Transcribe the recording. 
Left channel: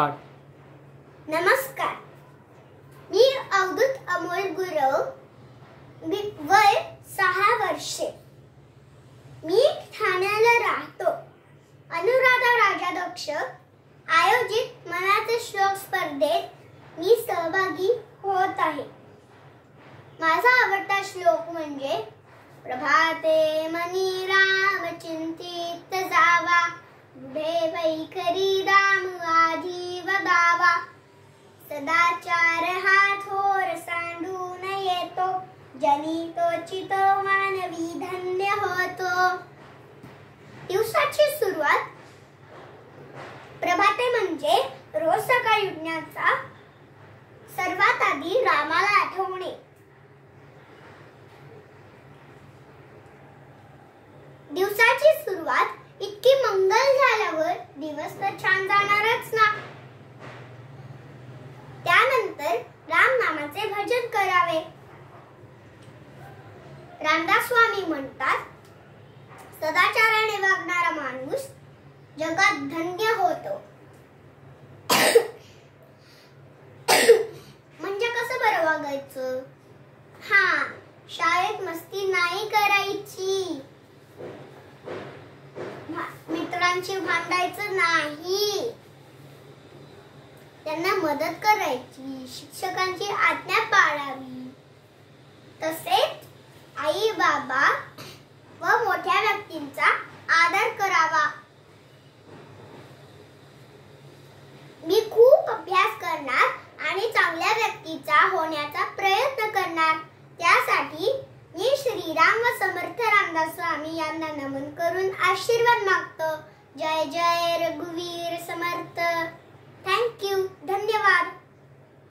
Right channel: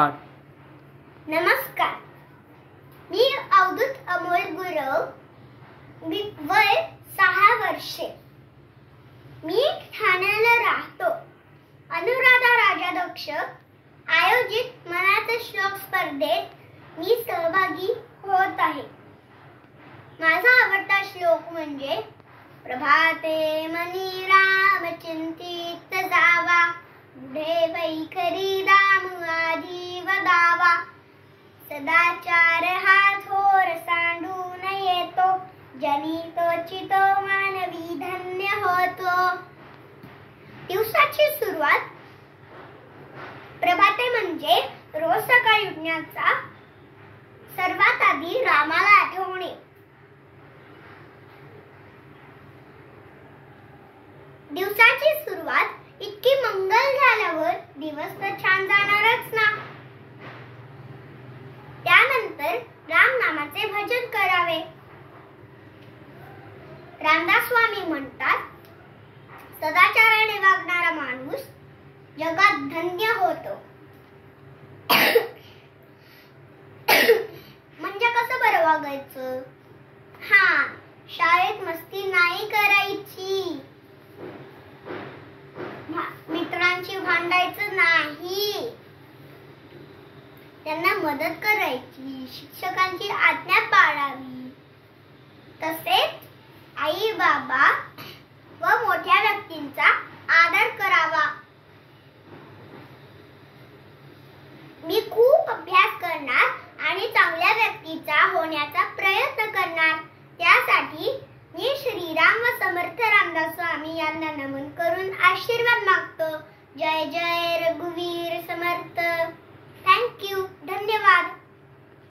नमस्कार, मी अवधूत अमोल गुरव, वय 6 वर्षे. मी ठाण्याला राहतो. अनुराधा राजाध्यक्ष आयोजित मनाचे श्लोक स्पर्धेत मी सहभागी होत आहे. माझा आवडता श्लोक म्हणजे प्रभाते मनी राम चिंतित जावा, पुढे वैखरी दाम आधी वदावा, सदाचार हा थोर सांडून येतो, जनी तोची तो मानवी धन्य होतो. दिवसाची सुरुवात. प्रभाते म्हणजे रोज सकाळी उठण्याचा सर्वात आधी रामाला आठवणे. दिवसाची सुरुवात इतकी मंगल झाल्यावर दिवस तर छान जाणारच ना. त्यानंतर राम नामाचे भजन करावे. रामदास स्वामी म्हणतात, सदाचाराने वागणारा माणूस जगात धन्य होतो. म्हणजे कसं बरं वागायचं? शाळेत मस्ती नाही करायची, मित्रांशी भांडायचं नाही, त्यांना मदत करायची, शिक्षकांची आज्ञा पाळावी, तसेच आई बाबा व मोठ्या व्यक्तींचा आदर करावा. मी खूप अभ्यास करणार आणि चांगल्या व्यक्तीचा होण्याचा प्रयत्न करणार. त्यासाठी मी श्रीराम व समर्थ रामदास स्वामी यांना नमन करून आशीर्वाद मागतो. जय जय रघुवीर समर्थ.